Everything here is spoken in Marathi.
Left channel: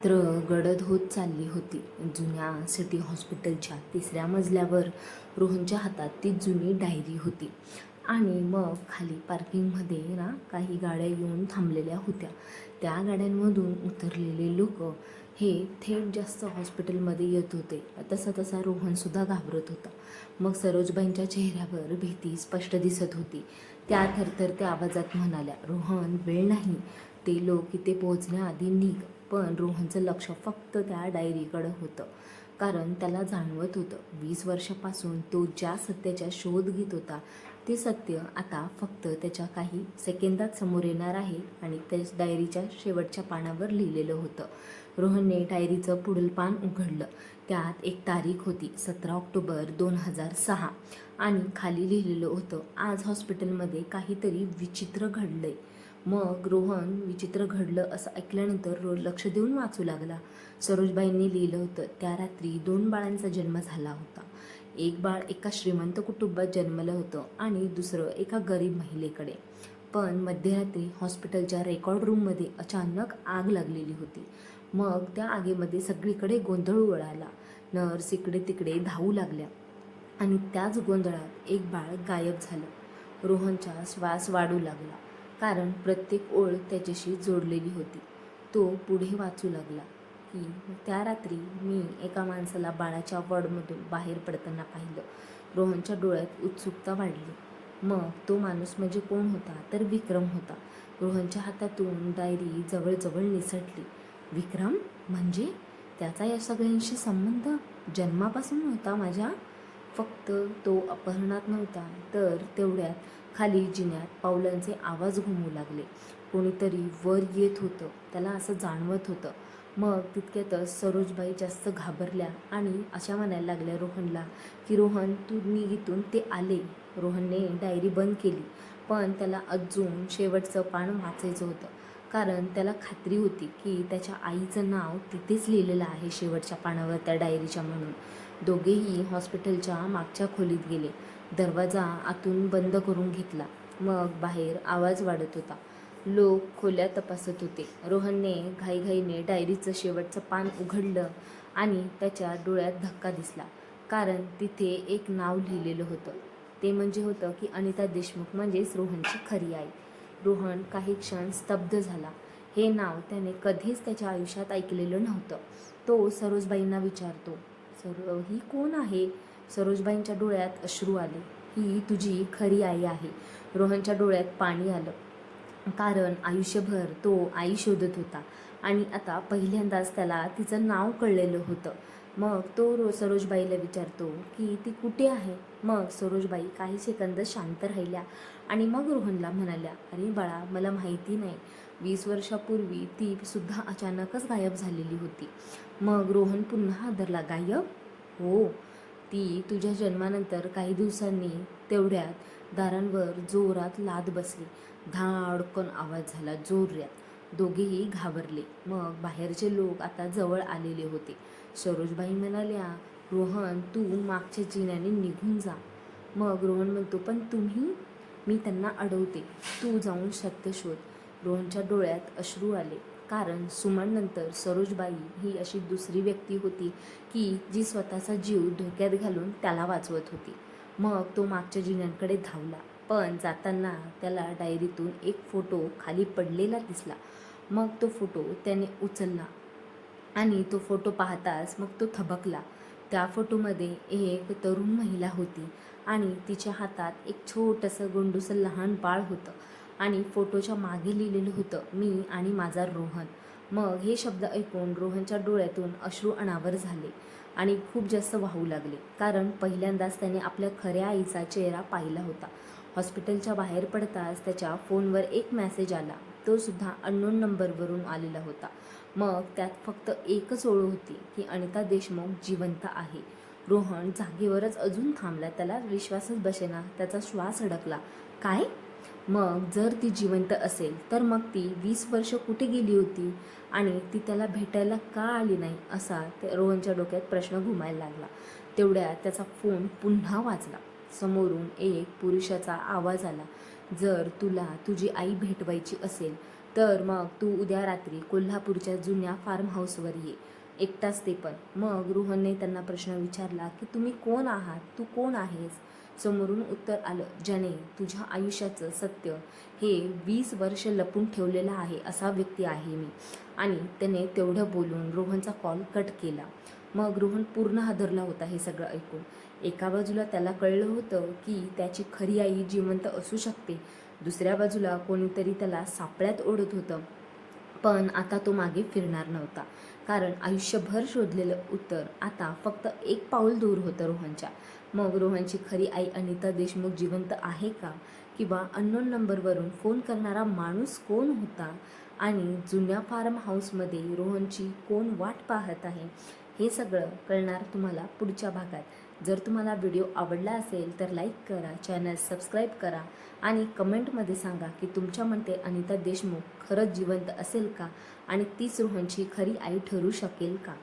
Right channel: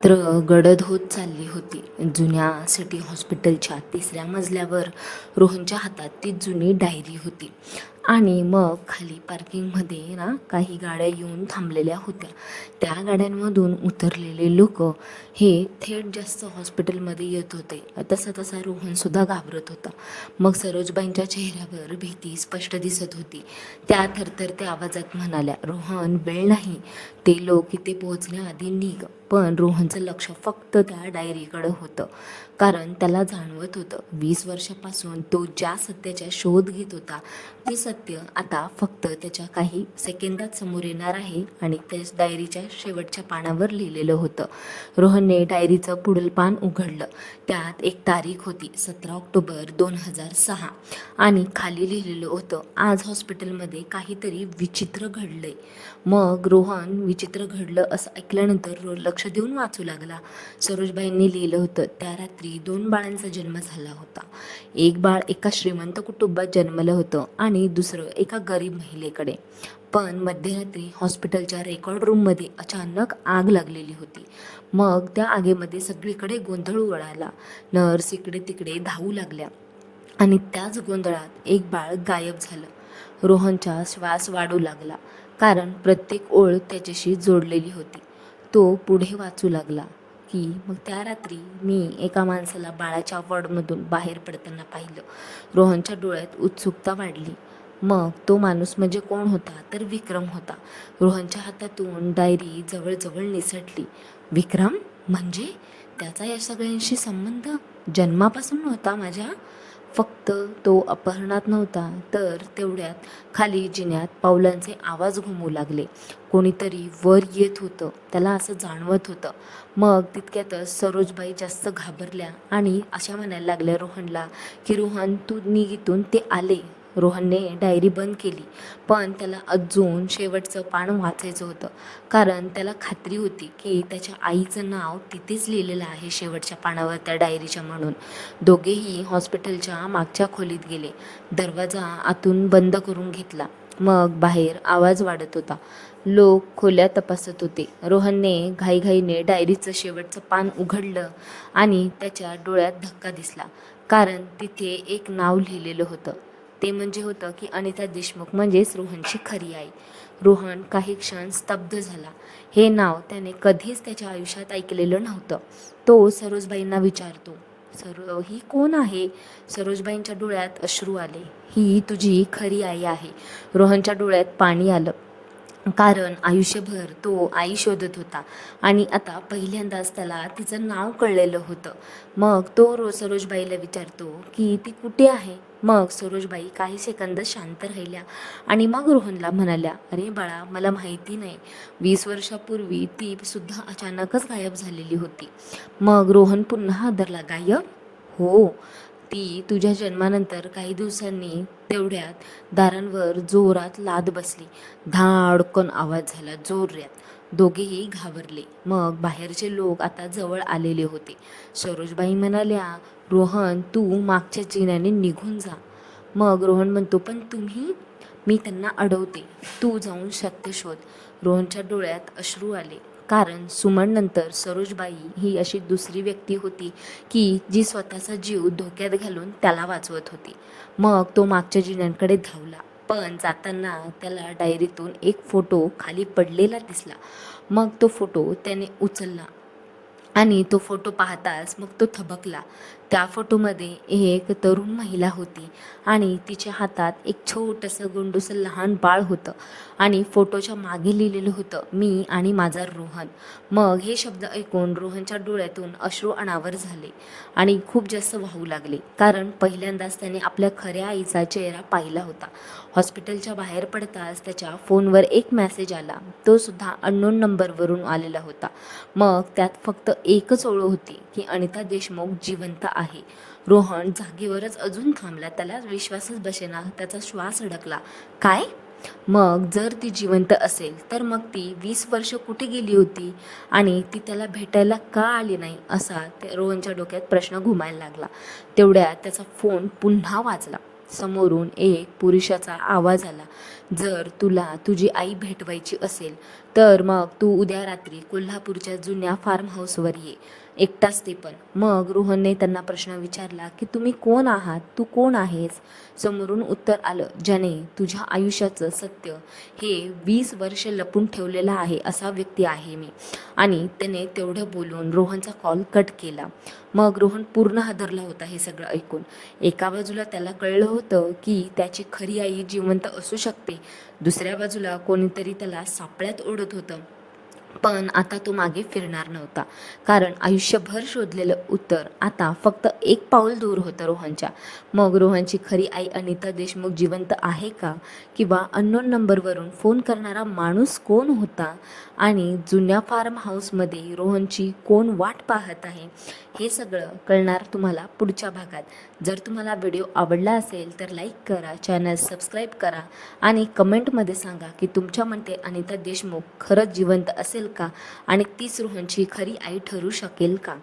तर गडद होत चालली होती. जुन्या सिटी हॉस्पिटलच्या 3ऱ्या मजल्यावर रोहनच्या हातात ती जुनी डायरी होती. आणि मग खाली पार्किंगमध्ये ना काही गाड्या येऊन थांबलेल्या होत्या. त्या गाड्यांमधून उतरलेले लोक हे थेट जास्त हॉस्पिटलमध्ये येत होते. तसा तसा रोहनसुद्धा घाबरत होता. मग सरोजबाईंच्या चेहऱ्यावर भीती स्पष्ट दिसत होती. त्या थरथरत्या आवाजात म्हणाल्या, रोहन, वेळ नाही, ते लोक इथे पोहोचण्याआधी निघ. पण रोहनचं लक्ष फक्त त्या डायरीकडं होतं. कारण त्याला जाणवत होतं 20 वर्षापासून तो ज्या सत्याचा शोध घेत होता ते सत्य आता फक्त त्याच्या काही सेकंदात समोर येणार आहे. आणि त्याच डायरीच्या शेवटच्या पानावर लिहिलेलं होतं. रोहनने डायरीचं पुढील पान उघडलं. त्यात एक तारीख होती, 17 ऑक्टोबर 2006. आणि खाली लिहिलेलं होतं, आज हॉस्पिटलमध्ये काहीतरी विचित्र घडलंय. मग रोहन विचित्र घडलं असं ऐकल्यानंतर लक्ष देऊन वाचू लागला. सरोजबाईंनी लिहिलं होतं, त्या रात्री 2 बाळांचा जन्म झाला होता. एक बाळ एका श्रीमंत कुटुंबात जन्मलं होतं आणि दुसरं एका गरीब महिलेकडे. पण मध्यरात्री हॉस्पिटलच्या रेकॉर्ड रूममध्ये अचानक आग लागलेली होती. मग त्या आगीमध्ये सगळीकडे गोंधळ उडाला. नर्स इकडे तिकडे धावू लागल्या आणि त्याच गोंधळात एक बाळ गायब झालं. रोहनचा श्वास वाढू लागला, कारण प्रत्येक ओळ त्याच्याशी जोडलेली होती. तो पुढे वाचू लागला की मग त्या रात्री मी एका माणसाला बाळाच्या वॉर्डमधून बाहेर पडताना पाहिलं. रोहनच्या डोळ्यात उत्सुकता वाढली. मग तो माणूस म्हणजे कोण होता? तर विक्रम होता. रोहनच्या हातातून डायरी जवळजवळ निसटली. विक्रम म्हणजे त्याचा या सगळ्यांशी संबंध जन्मापासून नव्हता माझ्या. फक्त तो अपहरणात नव्हता, तर तेवढ्यात खाली जिन्यात पावलांचे आवाज घुमू लागले. कोणीतरी वर येत होतं, त्याला असं जाणवत होतं. मग तितक्यातच सरोजबाई जास्त घाबरल्या आणि अशा म्हणायला लागल्या रोहनला की रोहन, तू निघ इथून, ते आले. रोहनने डायरी बंद केली, पण त्याला अजून शेवटचं पान वाचायचं होतं. कारण त्याला खात्री होती की त्याच्या आईचं नाव तिथेच लिहिलेलं आहे शेवटच्या पानावर त्या डायरीच्या म्हणून. दोघेही हॉस्पिटलच्या मागच्या खोलीत गेले. दरवाजा आतून बंद करून घेतला. मग बाहेर आवाज वाढत होता. लोक खोल्या तपासत होते. रोहनने घाईघाईने डायरीचं शेवटचं पान उघडलं आणि त्याच्या डोळ्यात धक्का दिसला. कारण तिथे एक नाव लिहिलेलं होतं. ते म्हणजे होतं की अनिता देशमुख म्हणजेच रोहनची खरी आई. रोहन काही क्षण स्तब्ध झाला. हे नाव त्याने कधीच त्याच्या आयुष्यात ऐकलेलं नव्हतं. तो सरोजबाईंना विचारतो, ही कोण आहे? सरोजबाईंच्या डोळ्यात अश्रू आले. ही तुझी खरी आई आहे. रोहनच्या डोळ्यात पाणी आलं, कारण आयुष्यभर तो आई शोधत होता आणि आता पहिल्यांदाच त्याला तिचं नाव कळलेलं होतं. मग तो सरोजबाईला विचारतो की ती कुठे आहे? मग सरोजबाई काही सेकंद शांत राहिल्या आणि मग रोहनला म्हणाल्या, अरे बाळा, मला माहिती नाही, 20 वर्षापूर्वी ती सुद्धा अचानकच गायब झालेली होती. मग रोहन पुन्हा हादरला, गायब? हो, ती तुझ्या जन्मानंतर काही दिवसांनी. तेवढ्यात दारांवर जोरात लाद बसली. धाडकन आवाज झाला, जोरात. दोघेही घाबरले. मग बाहेरचे लोक आता जवळ आलेले होते. सरोजबाई म्हणाल्या, रोहन, तू मागच्या जिन्याने निघून जा. मग रोहन म्हणतो, पण तुम्ही? मी त्यांना अडवते, तू जाऊन सत्य शोध. रोहनच्या डोळ्यात अश्रू आले, कारण सुमननंतर सरोजबाई ही अशी दुसरी व्यक्ती होती की जी स्वतःचा जीव धोक्यात घालून त्याला वाचवत होती. मग तो मागच्या जिन्यांकडे धावला, पण जाताना त्याला डायरीतून एक फोटो खाली पडलेला दिसला. मग तो फोटो त्याने उचलला आणि तो फोटो पाहताच मग तो थबकला. त्या फोटोमध्ये एक तरुण महिला होती आणि तिच्या हातात एक छोटंसं गोंडूसं लहान बाळ होतं. आणि फोटोच्या मागे लिहिलेलं होतं, मी आणि माझा रोहन. मग हे शब्द ऐकून रोहनच्या डोळ्यातून अश्रू अनावर झाले आणि खूप जास्त वाहू लागले, कारण पहिल्यांदाच त्याने आपल्या खऱ्या आईचा चेहरा पाहिला होता. हॉस्पिटलच्या बाहेर पडताच त्याच्या फोनवर एक मेसेज आला. तो सुद्धा अननोन नंबरवरून आलेला होता. मग त्यात फक्त एकच ओळ होती की अनिता देशमुख जिवंत आहे. रोहन जागेवरच अजून थांबला. त्याला विश्वासच बसेना. त्याचा श्वास अडकला. काय? मग जर ती जिवंत असेल तर मग ती 20 वर्ष कुठे गेली होती आणि ती त्याला भेटायला का आली नाही, असा त्या रोहनच्या डोक्यात प्रश्न घुमायला लागला. तेवढ्यात त्याचा फोन पुन्हा वाजला. समोरून एक पुरुषाचा आवाज आला, जर तुला तुझी आई भेटवायची असेल तर मग तू उद्या रात्री कोल्हापूरच्या जुन्या फार्म हाऊसवर ये, एकटाच ते पण. मग रोहनने त्यांना प्रश्न विचारला की तुम्ही कोण आहात, तू कोण आहेस? समोरून उत्तर आलं, ज्याने तुझ्या आयुष्याचं सत्य हे 20 वर्ष लपून ठेवलेलं आहे असा व्यक्ती आहे मी. आणि त्याने तेवढं बोलून रोहनचा कॉल कट केला. मग रोहन पूर्ण हादरला होता हे सगळं ऐकून. एका बाजूला त्याला कळलं होतं की त्याची खरी आई जिवंत असू शकते, दुसऱ्या बाजूला कोणीतरी त्याला सापळ्यात ओढत होतं. पण आता तो मागे फिरणार नव्हता, कारण आयुष्यभर शोधलेलं उत्तर आता फक्त एक पाऊल दूर होतं रोहनच्या. मग रोहनची खरी आई अनिता देशमुख जिवंत आहे का, किंवा अननोन नंबरवरून फोन करणारा माणूस कोण होता, आणि जुन्या फार्म हाऊसमध्ये रोहनची कोण वाट पाहत आहे, हे सगळं कळणार तुम्हाला पुढच्या भागात. जर तुम्हाला व्हिडिओ आवडला असेल तर लाईक करा, चॅनल सबस्क्राईब करा आणि कमेंटमध्ये सांगा की तुमच्या मते अनिता देशमुख खरंच जिवंत असेल का, आणि तीच रोहनची खरी आई ठरू शकेल का.